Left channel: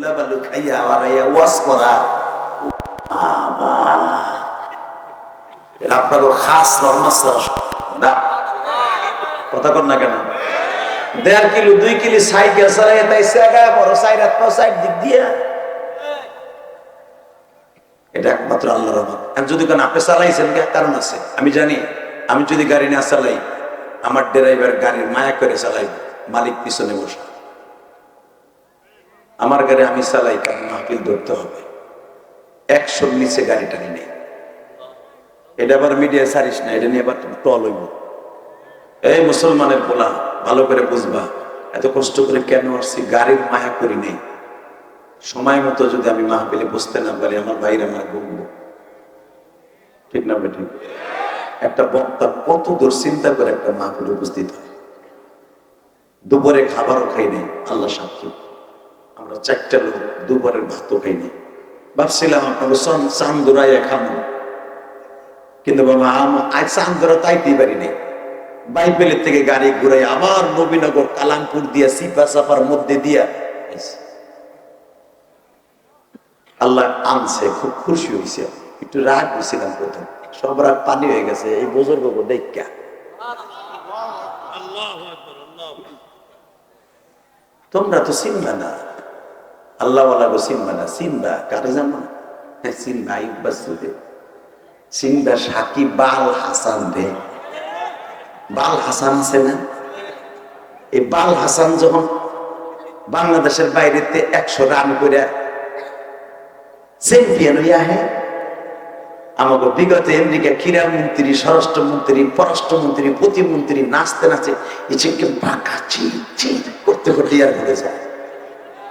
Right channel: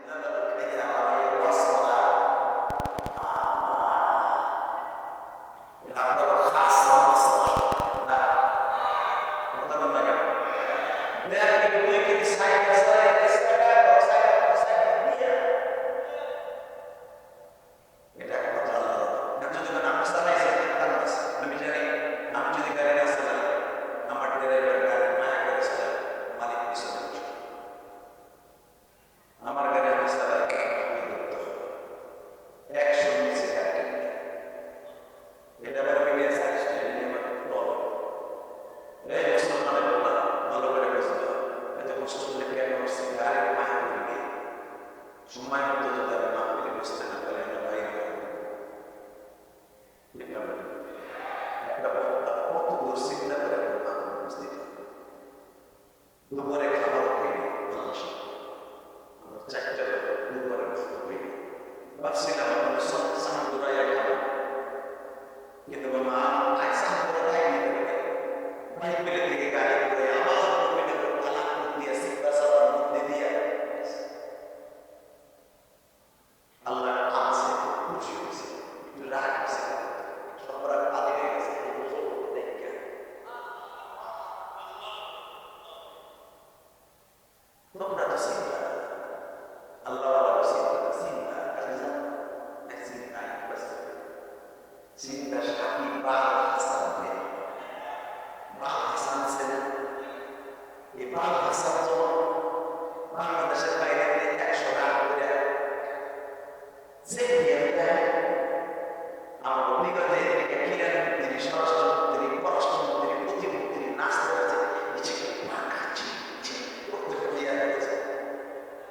ধুলা বালু খাস রহমত না কথা কর না কেন? দেড় কিলো, দুই কিলো সাইড তাই বড় সাইড সাইড, দিক দিয়া। এটা একমাত্র আল্লাহর রহমত। এখন যদি কেন আপনি চালাইছেন? কারণ আছে? আমি জানি, আমি যদি গাড়ি না চালাই, আমার ড্রাইভার গাড়ির মায়া করে চালাইব, মালিক পিছনে বসে আমার গাড়ি আমি চালাই কারণ মাহফিল ধরতে হবে। একশোর নিচে গাড়ি টানি নেই। এটা আবার মিডিয়া সারিস না, এটা নিয়ে আবার টল হইব। এই মুসলমানের পোলা, ভালো করে বুঝবা, এত কষ্ট করে কেন আসছি? গাড়ির মায়া করি নেই। সময় মতো যদি আমি মাহফিলে বসতে না পারি, আমার ভাইরা আমার বলব ঠিক না বেঠিক? একটা বক্তা কত দূর চিন্তা করে একটা মাহফিলে উপস্থিত হয়। দুপুরে খাবারও খাই নেই, আল্লাহ সাক্ষী আমরা চারটা লোক দুপুরের ভাতও খাই নেই ভাবছিলাম আপনাকে চান দৌড়াইয়া খাব কিন্তু বাবা আজ চান দৌড়া তাইতেই পারি নাই। বাইবেলের থেকে গাড়ি ঘুরাই আবার নবীনগর কালামপুর দিয়া সিপা সাফার মধ্যে দিয়া আল্লাহ আনছে খুব খুশি হয়েছে একটু রাগ হয়েছিলাম প্রথম। সব রাগ পানি হয়ে গেছে এই বুজুর্গ দেখা তোমরা তো চিনবা না। আল্লাহ গো না কারে জানো? হ্যাঁ বাল হাসান দে। বাল হাসান আছে না? এই বাল হাসান যখন বাংলাদেশের বাইরেতে একশো রান করে চ্যাম্পিয়ন হইয়া আহে, আমাকে বিগত আমেরিকা ক্রীড়া মন্ত্রী, স্বরাষ্ট্রমন্ত্রী, পররাষ্ট্রমন্ত্রী, প্রতিমন্ত্রী নাচতে নাচে এসেকে বাঁকা চির চির করতে করতে আর ঘুরে যায়।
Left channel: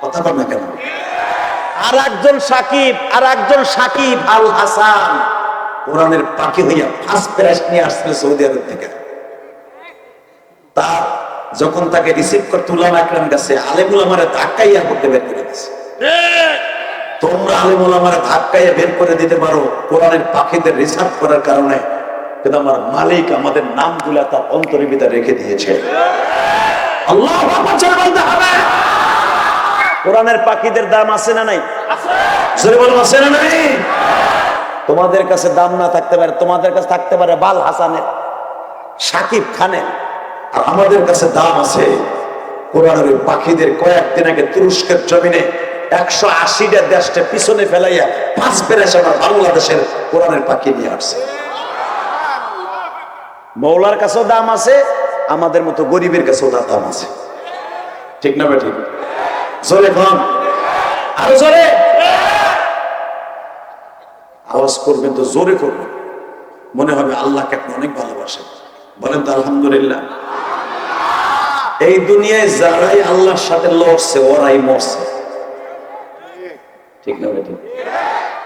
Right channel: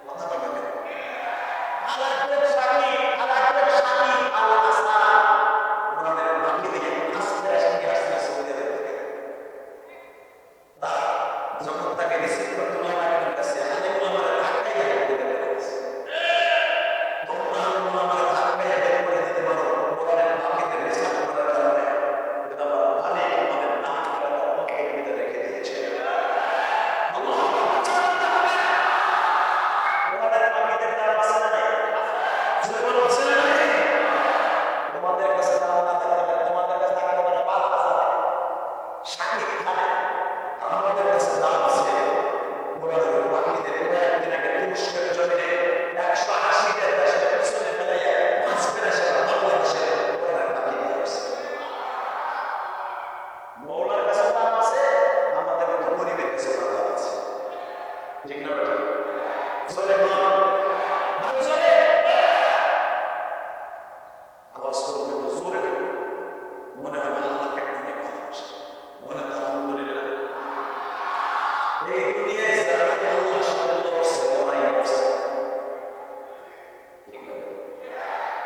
কথা বল না কেন? আর একজন সাকিব আর একজন সাকিব আল হাসান। কোরআনের পাখি হইয়া ফার্স্ট প্রাইজ নিয়ে আসছিল সৌদি আরব থেকে। তা যখন তাকে রিসিভ করতে উলামা একরাম গেছে আলেমুল আমার ধাক্কাইয়া করতে বের করে তোমরা আলেমুল আমার ধাক্কাইয়া বের করে দিতে পারো কোরআনের পাখিদের রিসার্চ করার কারণে। কিন্তু আমার মালিক আমাদের নামগুলা তার অন্তরের ভিতরে রেখে দিয়েছে। আল্লাহ হবে। কোরআনের পাখিদের দাম আছে না নাই? আছে না নাই? তোমাদের কাছে দাম না থাকতে পারে, তোমাদের কাছে থাকতে পারে বাল হাসানের, সাকিব খানের, আর আমাদের কাছে দাম আছে কোরআনের পাখিদের কয়েকদিন আগে তুরস্কের জমিনে একশো আশিটা দেশটা পিছনে ফেলাইয়া পাঁচ পেরেছে আমার বাংলাদেশের কোরআনের পাখি নিয়ে আসছে। মৌলার কাছেও দাম আছে, আমাদের মতো গরিবের কাছেও দাম আছে। ঠিক না ঠিক? জোরে কম। আরও জোরে। আওয়াজ করবেন তো জোরে করবেন। মনে হবে আল্লাহকে আপনি অনেক ভালোবাসেন। বলেন তো আলহামদুলিল্লাহ। এই দুনিয়ায় যারাই আল্লাহর সাথে লড়ছে, ওরাই মরছে। ঠিক না ঠিক।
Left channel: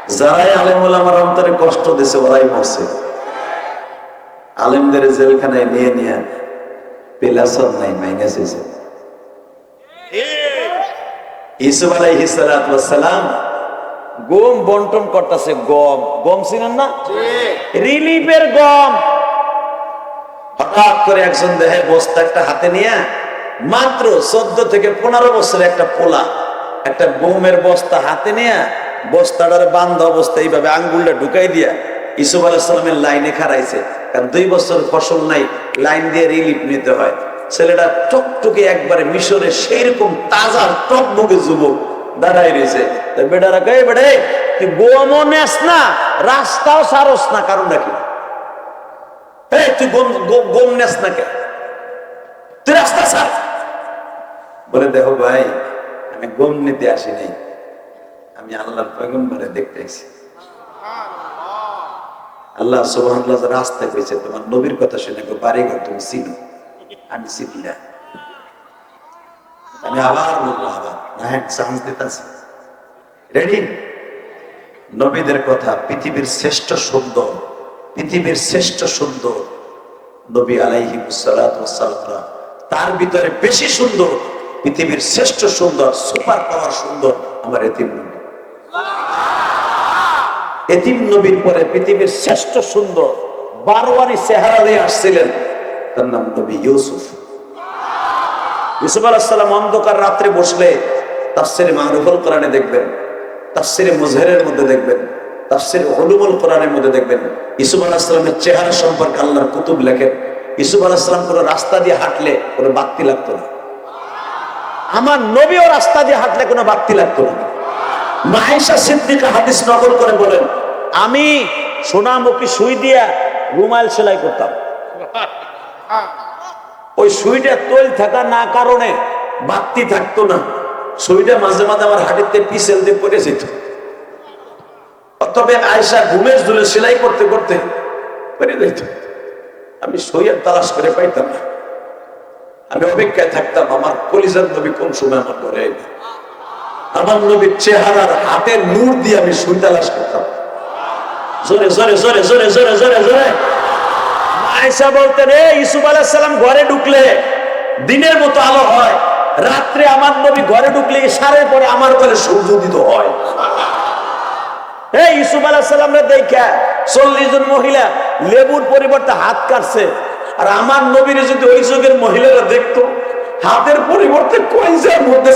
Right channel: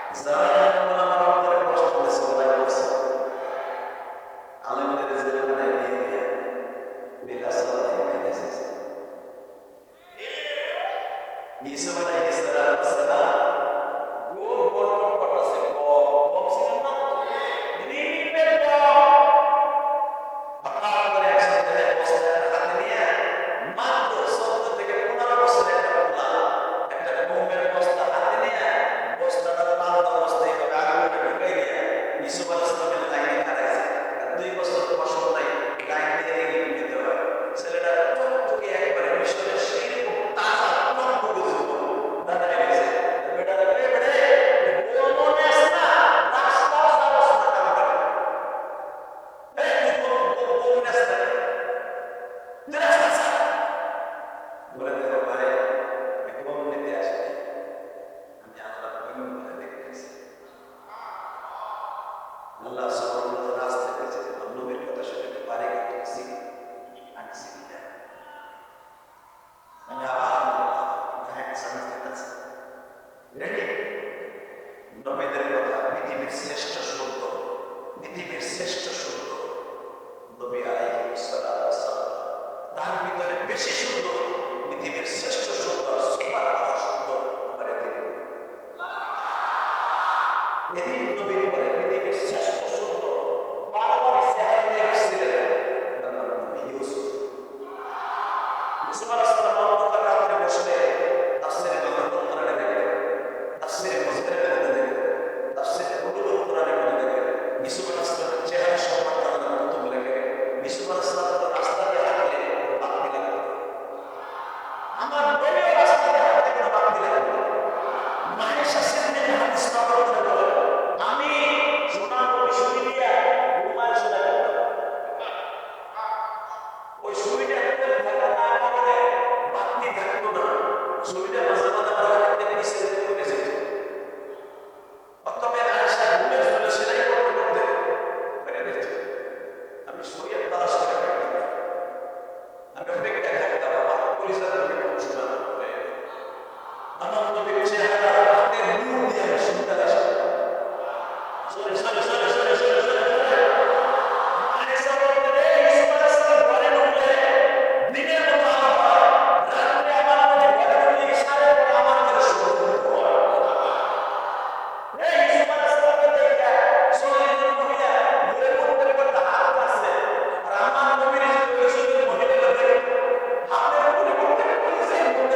যারাই আলেমুল আমার অন্তরে কষ্ট দিছে ওরাই মরছে। আলেমদের জেলখানায় নিয়ে নিয়ে পেলাসন নাই মাইনাস হয়েছে ইসুফ আলাইহিস সালাম গম বন্টন করতেছে গম। গম ছিলেন না? রিলিফের গম। হঠাৎ করে একজন দেহে বস্তা একটা হাতে নিয়ে মাত্র চোদ্দ থেকে পনেরো বছরের একটা পোলা একটা গমের বস্তা হাতে নিয়ে বস্তাটার বান্ধ অবস্থা এইভাবে আঙ্গুলটা ঢুকাই দিয়া ইসুফ আলাহিসাল্লামের লাইনে খারাইছে কারণ দুই বছর ফসল নাই লাইন দিয়ে রিলিফ নিতে হয়। ছেলেটা টকটকে একবারে মিশরে সেই রকম তাজা টকবকে যুবক দাঁড়াই রয়েছে। বেটারা কে বেড়ে তুই গোমও নেস না, রাস্তাও সারস না, কারণ নাকি? রাস্তা বলে, দেখো ভাই, আমি গম নিতে আমি আল্লাহ সুবহানাল্লাহ রাস্তা পেয়েছে তোমার নবীর কথা শুনে বাড়ি ঘর তুমি চিনো। আমি চিনি না। আমি আবার বলব আবার। হ্যাঁ চান্স দিতেছি। রেডি নবীদের কথা, পৃথিবীর শ্রেষ্ঠ সুন্দর, পৃথিবীর শ্রেষ্ঠ সুন্দর নবী আলাইহি সালাম তার ভিতরে বেশি সুন্দর, পৃথিবীর শ্রেষ্ঠ সুন্দর, সুপার পাওয়ার সুন্দর আমার এতিম নবী। এতিম নবীর পরে পৃথিবীর শ্রেষ্ঠ সুন্দর, বারোয়ারি চেহারা দিয়ে আসছিলেন। তার নাম নবী ইউসুফ। ইউসুফ আলাহিসাল্লাম অন্ধকার রাত্রে বসলে তাফসিরে মারুফুল কোরআনে দেখবেন, তাফসিরে মুজহেরের মধ্যে দেখবেন, তাফসিরে উলুমুল কোরআনের মধ্যে দেখবেন। ইসুফ আলাহিসামের চেহারা সম্পর্কে আল্লাহর কুতুব লেখেন। ইসুফ কোনো রাস্তা দিয়ে হাঁটলে কোনো বাত্তি লাগতো না। আমার নবীও রাস্তা দিয়ে হাঁটলে কোনো বাত্তি লাগতো না। মাহেশা সিদ্দিকা হাদিস নকল করে বলেন, আমি সোনামুখী সুই দিয়া রুমাল সেলাই করতাম। ওই সুইটা তৈল থাকা না কারণে বাত্তি থাকতো না। সুইটা মাঝে মাঝে আমার হাটিতে পিসেল দিয়ে পড়ে যেত। তবে আয়সা ঘুমের জুলে সেলাই করতে করতে পড়ে যেত। আমি সইয়ের তালাশ করে পাইতাম না। আমি অপেক্ষায় থাকতাম, আমার কলিজার নবী কোন সময় আমার ঘরে আইবে? আমার নবীর চেহারার হাতের নূর দিয়ে আমি সুই তালাশ করতাম। জোরে জোরে জোরে জোরে জোরে জোরে জোরে। আয়সা বলতেন রে ইসুফ আলাহিসাল্লাম ঘরে ঢুকলে দিনের মতো আলো হয়। রাত্রে আমার নবী ঘরে ঢুকলে সারের পরে আমার ঘরে সূর্য উদিত হয়। চল্লিশ জন মহিলা লেবুর পরিবর্তে হাত কাটছে। আর আমার ওই যুগের মহিলারা দেখতো, হাতের পরিবর্তে মধ্যে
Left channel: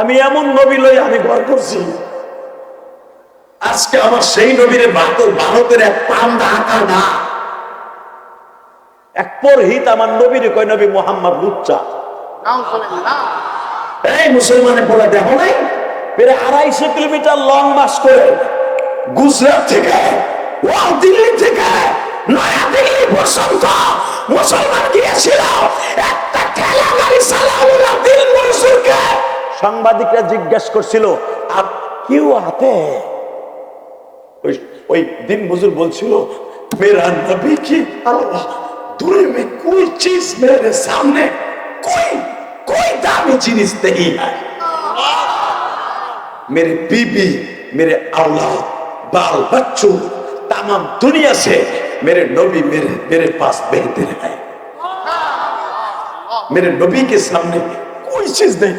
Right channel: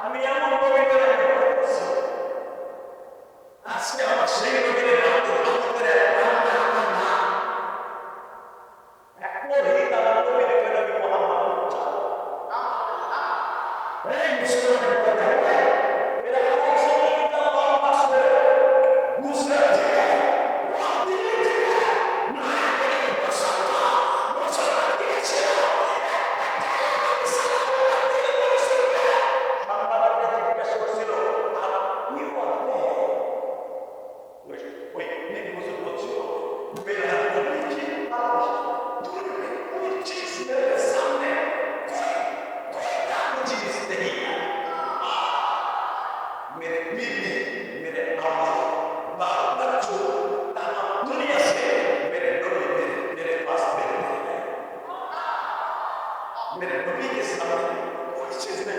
আমি এমন নবী লই আমি ঘর করছি। আজকে আমার সেই নবীর ভারতের এক পান্দা আঁকা না। এক পরহিত আমার নবীর কয় নবী মোহাম্মদ লুচ্চা। এই মুসলমানের বলে দেখো নাই। আড়াইশো কিলোমিটার লং মাস করে গুজরাট থেকে দিল্লি থেকে নয়া দিল্লি পর্যন্ত মুসলমান গিয়েছিল। একটা ঠেলা গাড়ি দিল মনসুরকে। সাংবাদিকরা জিজ্ঞেস করছিল আর কেউ হাতে? ওই ওই দিন বুজুর বলছিল মেরা নবী কি আল্লাহ दूर में कोई चीज मेरे सामने कोई कोई दामी चीज नहीं है मेरे बीबी मेरे औलाद बाल बच्चों तमाम दुनिया से मेरे नबी मेरे मेरे पास बेहतर है मेरे नबी के सामने कोई चीज नहीं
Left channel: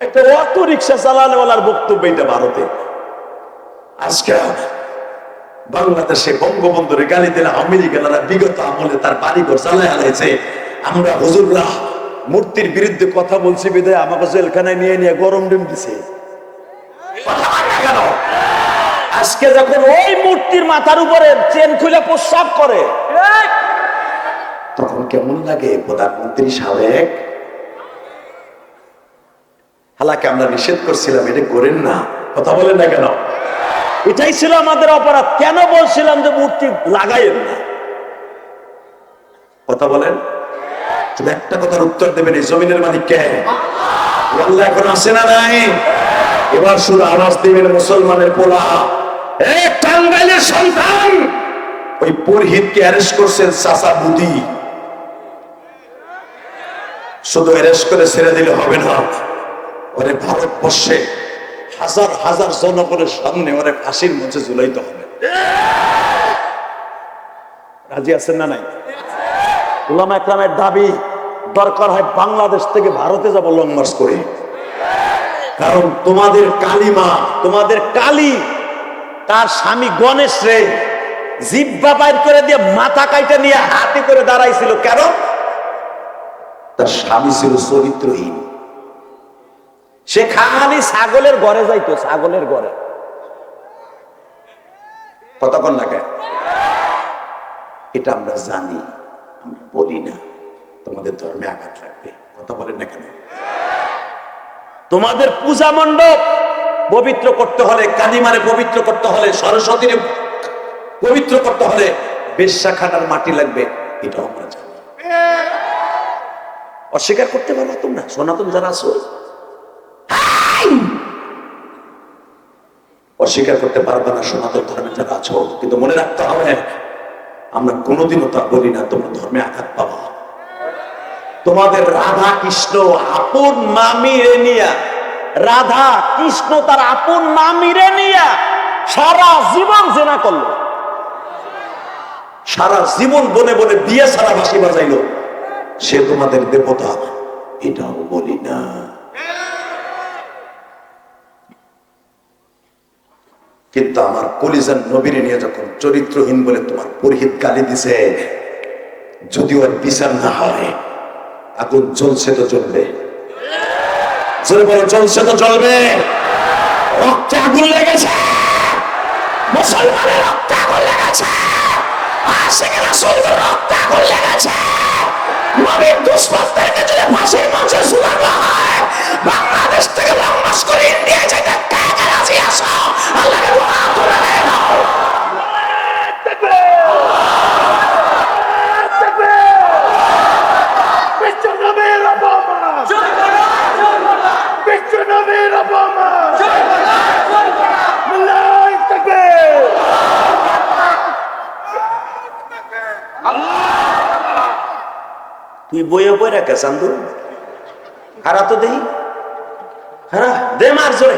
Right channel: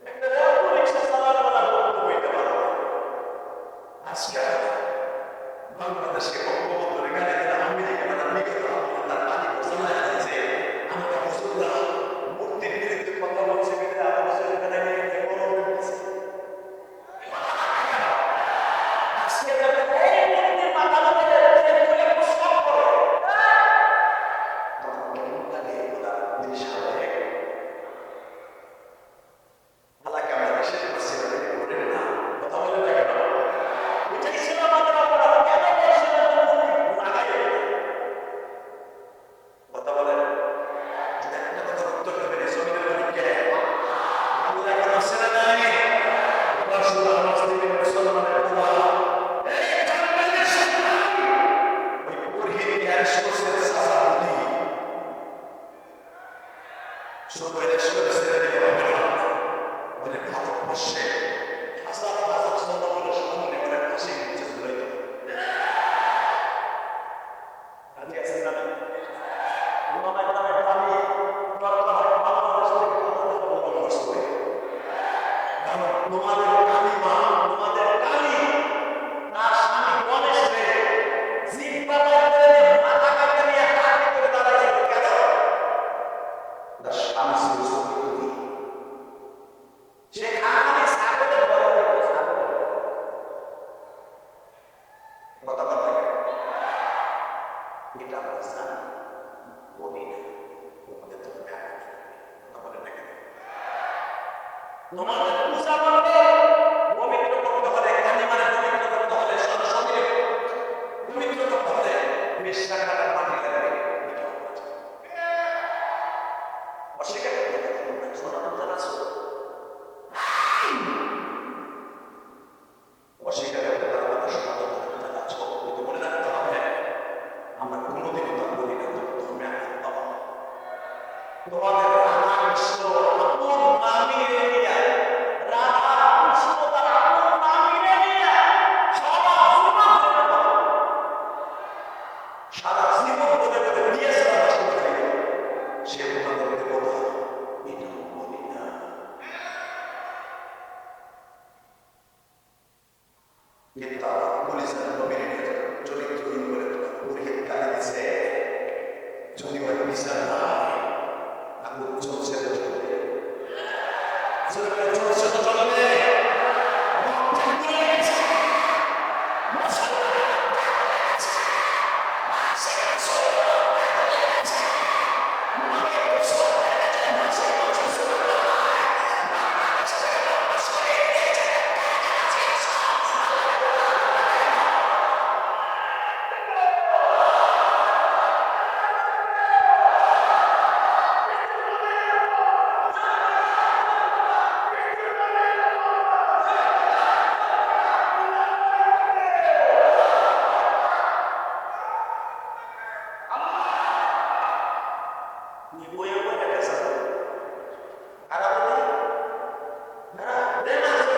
একটা অটো রিক্সা চালানোওয়ালার বক্তব্য এটা ভারতে আজকে বাংলাদেশে বঙ্গবন্ধুরে গালি দিলে আমেরিকানরা বিগত আমলে তার বাড়ি ঘর চালাই হারাইছে। আমরা হুজুররা মূর্তির বিরুদ্ধে কথা বলছি বিদায়, আমাকে জেলখানায় নিয়ে নিয়ে গরম ডিম দিছে? আজকে যখন ওই মূর্তির মাথার উপরে চেন খুলে প্রস্রাব করে, তখন কেমন লাগে প্রধানমন্ত্রী সাবেক? হালাকে আমরা নিষেধ করছিলাম, এটা করেন না। কথা বলেন না কেন? এটাই ছিল আমাদের অপরাধ। কেন বলছিলাম যে মূর্তি লাগাইয়েন না? কথা বলেন? শুধু একটা কথার উত্তর দেবেন, এই জমিনের মালিক কে? আল্লাহ এখন আসে না নাই? এবার শুধু আওয়াজ দেবেন মুসলমানের পোলা। এই টাঙ্গাইলের সন্তান! ওই পুরহিতকে অ্যারেস্ট করছেন চাচা বুদি। শুধু অ্যারেস্ট করে ছেড়ে দিলে হবে না। ওরে ভারতবর্ষে হাজার হাজার জনগণের সামনে ওরে ফাঁসির মঞ্চে ঝুলাইতে হবে। রাজি আছেন না নাই? উলামা ইকরামের দাবি, দরকার হয় বাংলাদেশ থেকে ভারতে যাব লং মার্চ করে। কারণ তোমাদের কালিমা, তোমাদের কালী, তার স্বামী গণেশ রে, জিব্বা বাইর করে দিয়ে মাথা কাইটা নিয়ে হাতে করে দাঁড়াইছিল। কেন? তার স্বামী ছিল চরিত্রহীন। সে খালি ছাগলের ঘরে যাইতো, ছাগলের ঘরে কতক্ষণ লাগে এটা আমরা জানি, আমরা বলি না। তোমাদের ধর্মে আঘাত লাগবে। কথা বলেন না কেন? তোমাদের পূজা মণ্ডপ পবিত্র করতে হলে, কালিমারে পবিত্র করতে হলে, সরস্বতীর পবিত্র করতে হলে বেশ্যাখানার মাটি লাগবে, এটাও আমরা জানি। অস্বীকার করতে পারো তোমরা? সনাতন যারা আছো অস্বীকার করতে পারবে না, সনাতন ধর্মে যারা আছো কিন্তু মনে রাখতে হবে, আমরা কোনোদিনও তা বলি না, তোমরা ধর্মে আঘাত পাবো। তোমাদের রাধা কৃষ্ণ আপন মামিরে নিয়া, রাধা কৃষ্ণ তার আপন মামিরে নিয়া সারা জীবন জেনা করল। সারা জীবন বনে বনে বিয়ে সারা বাসি বাজাইলো। সে তোমাদের দেবতা, এটাও বলি না। কিন্তু আমার কলিজান নবীর নিয়ে যখন চরিত্রহীন বলে তোমার পুরোহিত গালি দিছে যদি ওর বিচার না হয়, আগুন জ্বলছে তো জ্বলবে। জোরে জ্বলছে তো জ্বলবে। রক্তে আগুন লেগেছে। মুসলমানের রক্তে আগুন লেগেছে। বাংলাদেশ থেকে করে ইন্ডিয়া যেতে কে রাজি আসো আল্লাহকে Obama! Mr. Namir Obama! তুই বইয়ে বই রেখে চান্দু হারা তো দেই হারা, দে মার জোরে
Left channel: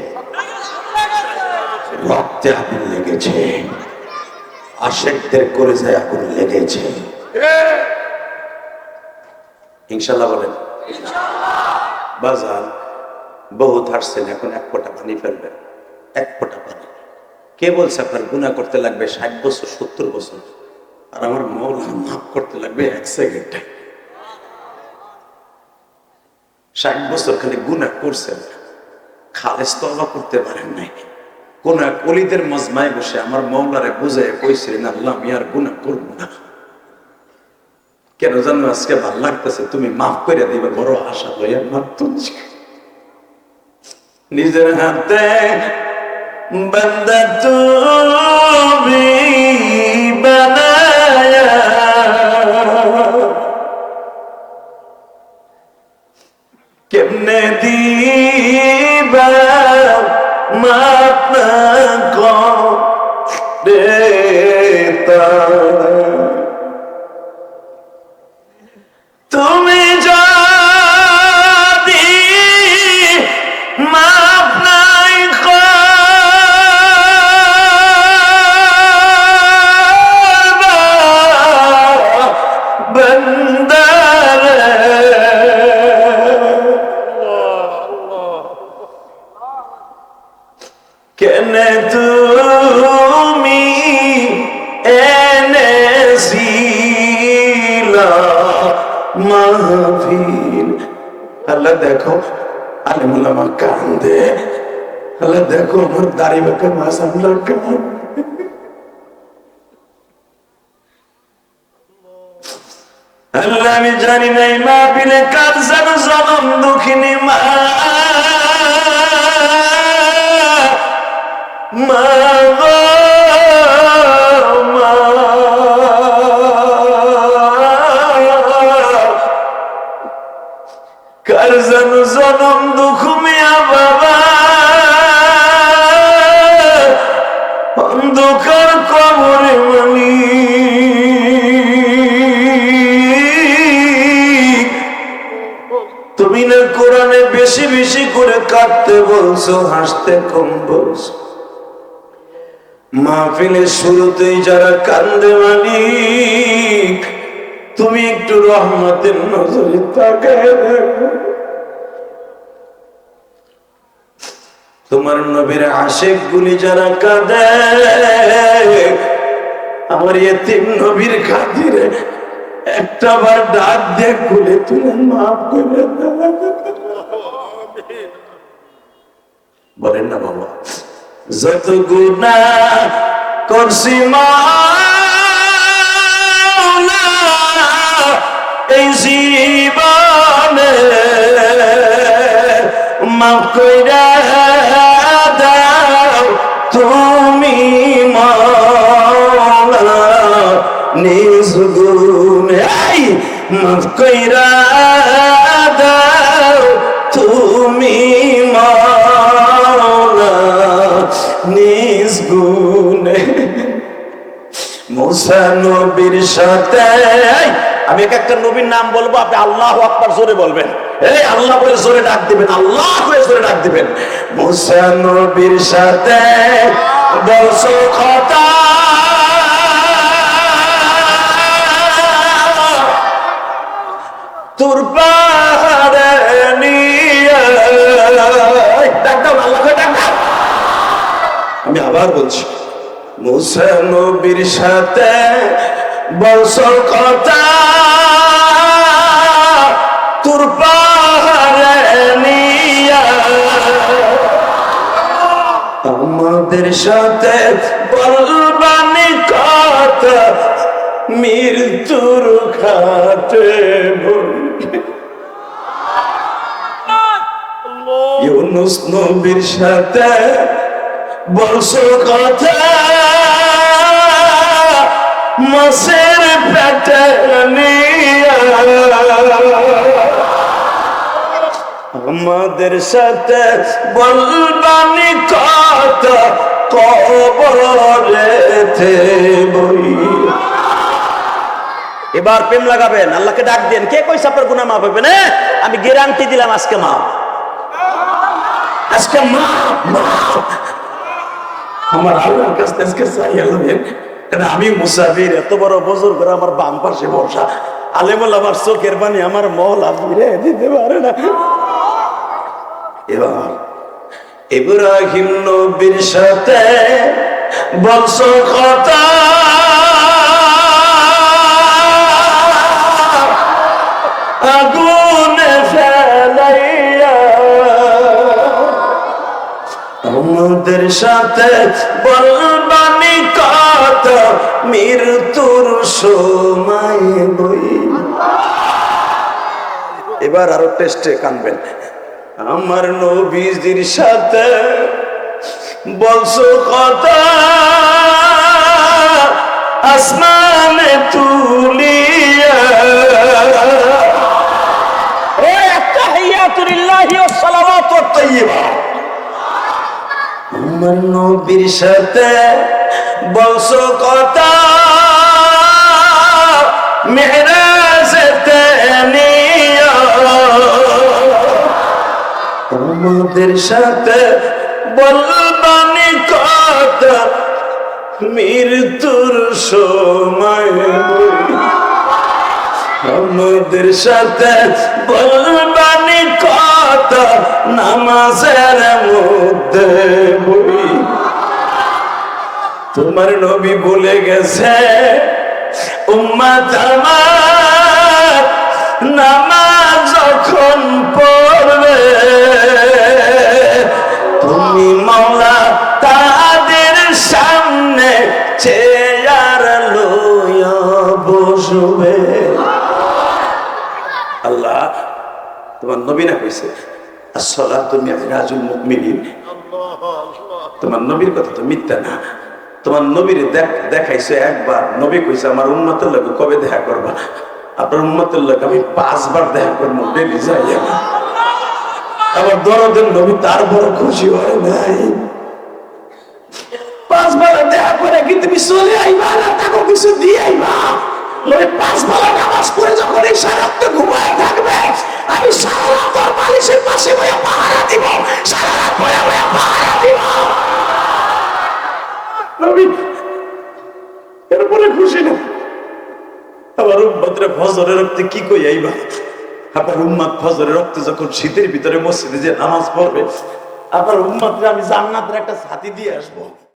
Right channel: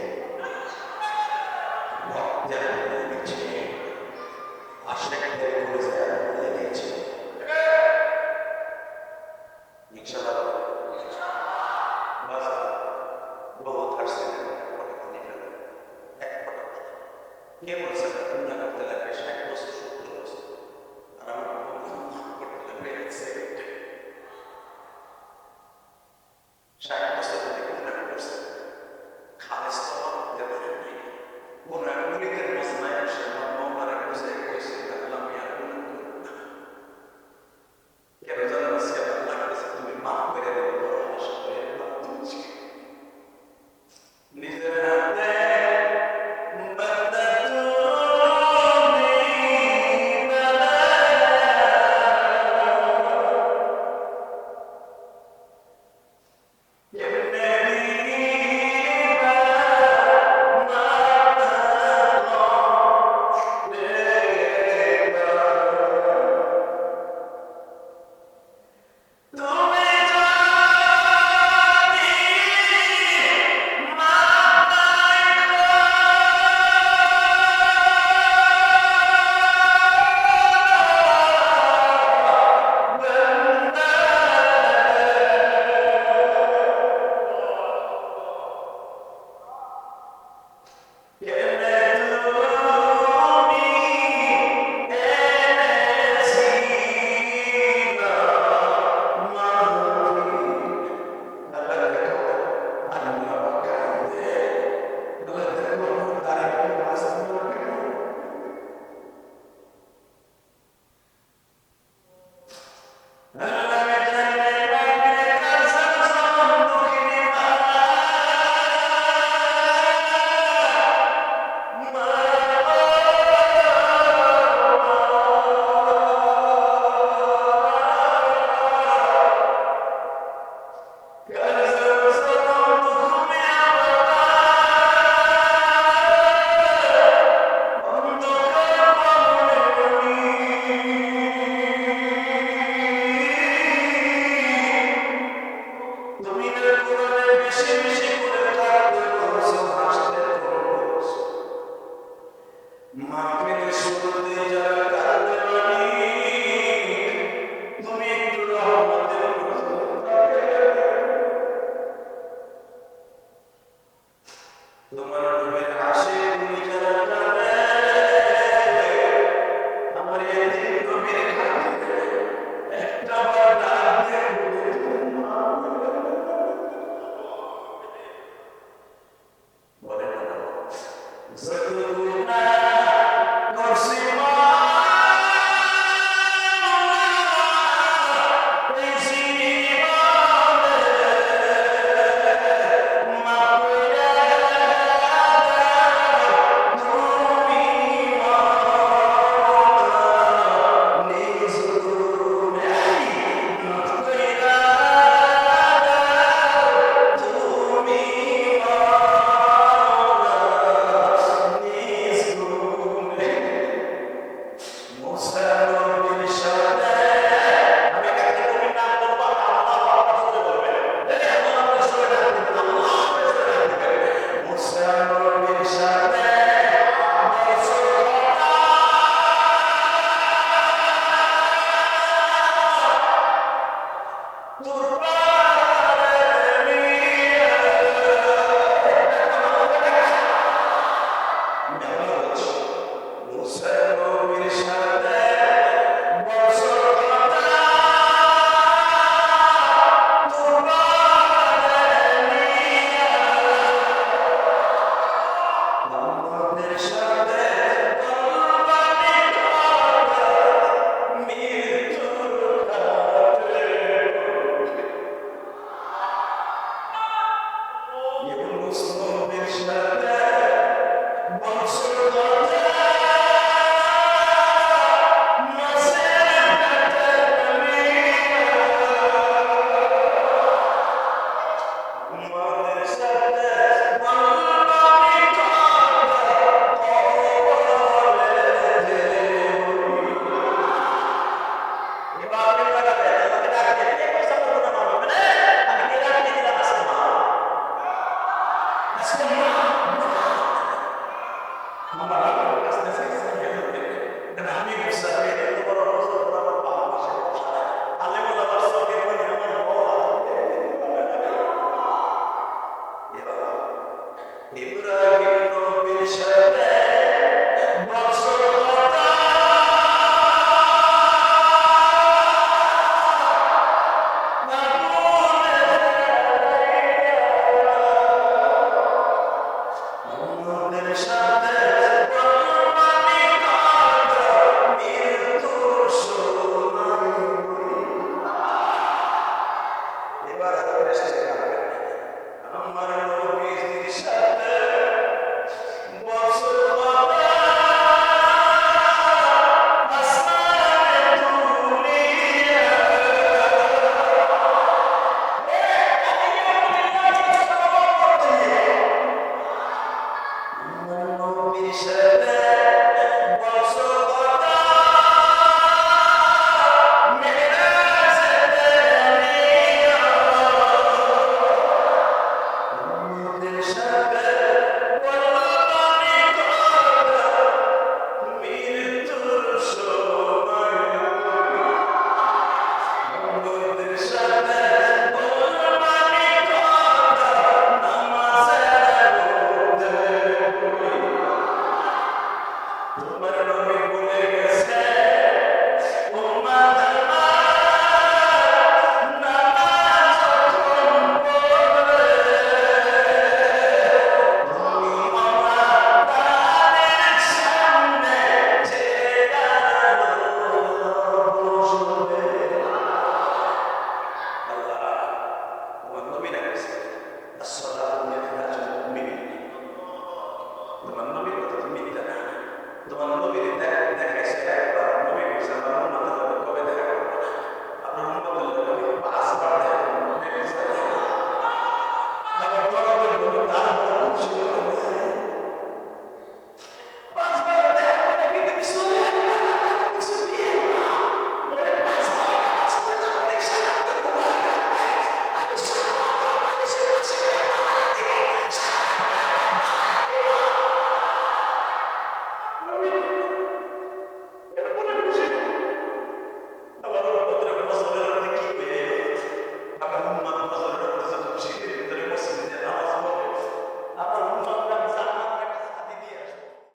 রক্তে আগুন লেগেছে। আশেকদের করে যায় আগুন লেগেছে। ইনশাল্লাহ বলেন। বহুত হাসছেন এখন এক পানি এক পানি। কে বলছে আপনার গুণা করতে লাগবে ষাট বছর, সত্তর বছর? আর আমার মৌলা মাফ করতে লাগবে এক সেকেন্ডে। ষাট বছর খালি গুণা করছেন। খালেস তবা করতে পারেন নাই। কোন এক অলিদের মজমায় বসে আমার মৌলারে বুঝে কইছিলেন আল্লাহ, আমি আর গুণা করব না। কেন জানো, আজকে ভালো লাগতেছে, তুমি মাফ করে দিবে, বড় আশা লইয়া মাফ তুলছি। নিজের হাতে বন্দা তুমি আমার দাড়ি বেঁকে মাস আল্লাহ কান্দে আল্লাহ আমি জানি নাই মা পিলে কার যেন জনম দুঃখিনী মা মা তুমি না কোরআনে বেশি বেশি করে কাঁদতে বলছো, হাসতে কম বলছো। মাহফিলের শুরুতেই যারা কান্দে মালিক, তুমি একটু রহমতের নজরে তাকায় তোমার নবীর আশেক গুলি যারা কাঁদে, আমার এতিম নবীর খাতিরে একটা বার ডাক দেখ খুলে তুলে মাফ করে। বলেন না বাবা যত গুণা করছি মাওলা, এই জীবনে মাফ কইরা সাথে আমি এক একটা নবীর নাম বলব, আপনি আল্লাহ আকবার জোরে বলবেন। এই, আল্লাহ বলে জোরে ডাক দিবেন, আল্লাহ বলে জোরে ডাক দিবেন। মুসা নবীর সাথে বলছো কথা। আমি আবার বলছি, মুসা নবীর সাথে বলছো কথা তোর আমাদের সাথে বলবানি কথা মৃত্যুর খাটে ইউনুস নবীর সাথে বলছো কথা মাসের আমাদের সাথে বলবানি কথা কবরেতে এবার প্রেম লাগাবেন, আল্লাহকে ডাক দেন। কে কইছে আপনার গুনাহ মাফ হবে না? আমি গ্যারান্টি দিলাম আজকে মা আজকে মা আমার আল্লাহর কাছে আজকে চাই আল্লাহ আমি মুসাফির? এত বড় বজর করে আমার বাম পাশে বসা। আলেমুল আমার চোখের পানি আমার মহল ফিরে দিতে পারে না। এবার ইব্রাহিম নবীর সাথে বলছো কথা। আগুনে ফেলাইয়া আমাদের সাথে বলবানি কথা মৃত্যুর সময় বই। এবার আরও টেস্টে কানবেন। আমার নবীজির সাথে বলছো কথা, আসমানে তুলিয়া। একটা হিয়াতুলিল্লাহি ওয়াস সালাওয়াতু ওয়াত তাইয়্যিবা আমার নবীর সাথে বলছো কথা, মেহরাজেতে নিয়া আমাদের সাথে বলবানি কথা, মৃত্যুর সময়। আমাদের সাথে বলবানি কথা, নামাজের মধ্যে। তোমার নবী বলে গেছে, উম্মাত আমার নামাজ যখন পড়বে, তুমি মাওলা তাদের সামনে চেয়ার লইয়া বসবে। আল্লাহ, তোমার নবী না কইছে আসলা তুমি রাজুল মুকমিনিন তোমার নবীর কথা তো মিথ্যা না। তোমার নবীর দেখ, দেখাইছে একবার। নবী কইছে, আমার উন্মতের লোক কবে দেখা করবা? আপনার উন্মতের লোক আমি পাঁচবার দেখা করব ডেলি যাই আমি। আমার দরদের নবী তার বড় খুশি হয় নাই। পাঁচবার দেখা করে কি তুমি চলে আইবা না তাকে কিছু দিয়ে আইবা? ওই পাঁচবার নামাজ যখন এই সারাত্ম ঘুমায় থাকবে, আমি সারা পাশে পাহারা দিব, সারা পাহারা দিব। নবী এরপরে খুশি না। আবার উম্মতের ফজরের রক্তে কি কই আইবা? আপনার উম্মাদ ফজরের রক্তে যখন শীতের ভিতরে মসজিদে যে নামাজ পড়বে আপনার উম্মাদরে আমি জান্নাতের একটা ছাতি দিয়ে আসব।